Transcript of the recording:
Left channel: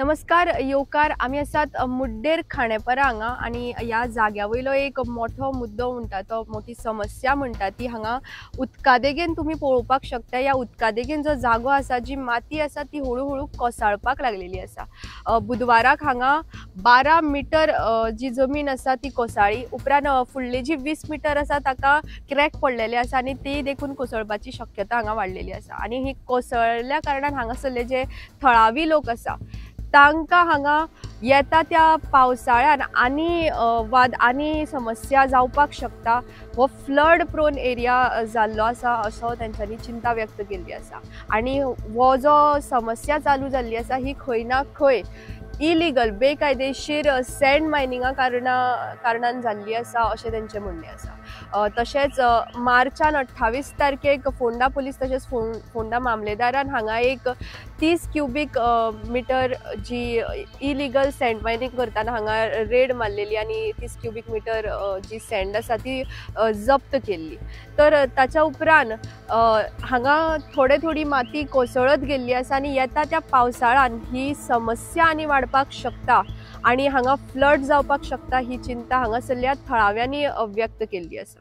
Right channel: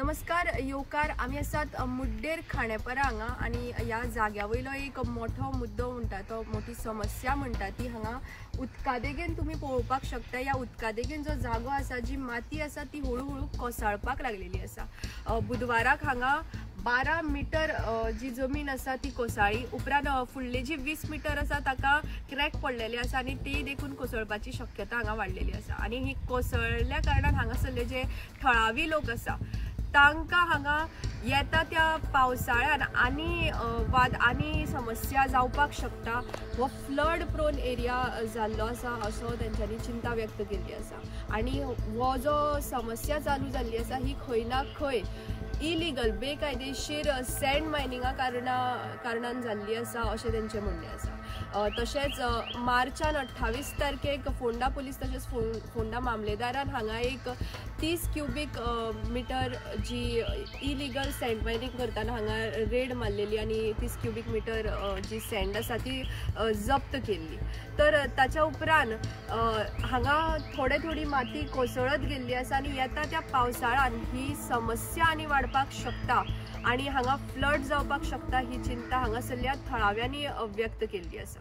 नमस्कार येवकार आमी आसात मुड्डेर खांडेपारा हांगा आनी ह्या जाग्या वयलो एक मोठो मुद्दो म्हणटा तो मोठी समस्या म्हणटा ती हांगा उदकादेगेन तुमी पळोवपाक शकता। ह्या उदकादेगेन जो जागो आसा जी माती आसा ती हळू कोसळपाक लागलेली आसा। बुधवाराक हांगा 12 मीटर जी जमीन आसा ती कोसळ्ळी। उपरांत फुडले जी 20 मीटर आसा ताका क्रॅक पडलेले आसा आनी ती देखून कोसळपाची शक्यता हांगा वाडलेली आसा। आनी ही कोसळ्ळ्या कारणान हांगासरले जे थळावी लोक आसा तांकां हांगा येता त्या पावसाळ्यान आनी समस्या जावपाक शकता। हो फ्लड प्रोन एरिया जाल्लो आसा असो तेंच्यांनी चिंता व्यक्त केल्ली आसा। आनी हो जो समस्या चालू जाल्ली आसा ही खंय ना खंय इलिगल बेकायदेशीर सँड मायनिंगा कारणान जाल्ली आसा अशें तेंचें म्हणणें आसा। तशेंच मार्चान 28 तारखेक फोंडा पुलीस तशेंच फोंडा मामलेदारान हांगा एक 30 क्युबिक मीटर जी इलिगल सँड मायनिंग करताना हांगा रेड मारलेली आनी 30 क्युबिक मीटर जी सँड आसा ती जप्त केल्ली। तर ताच्या उपरांत हांगा थोडी माती कोसळत गेल्ली आसा आनी येता त्या पावसाळ्यान ही समस्या आनी वाडपाक शकता आनी हांगा फ्लड जावपाक शकता ही चिंता हांगासरल्या थळाव्यांनी व्यक्त केल्ली आसा।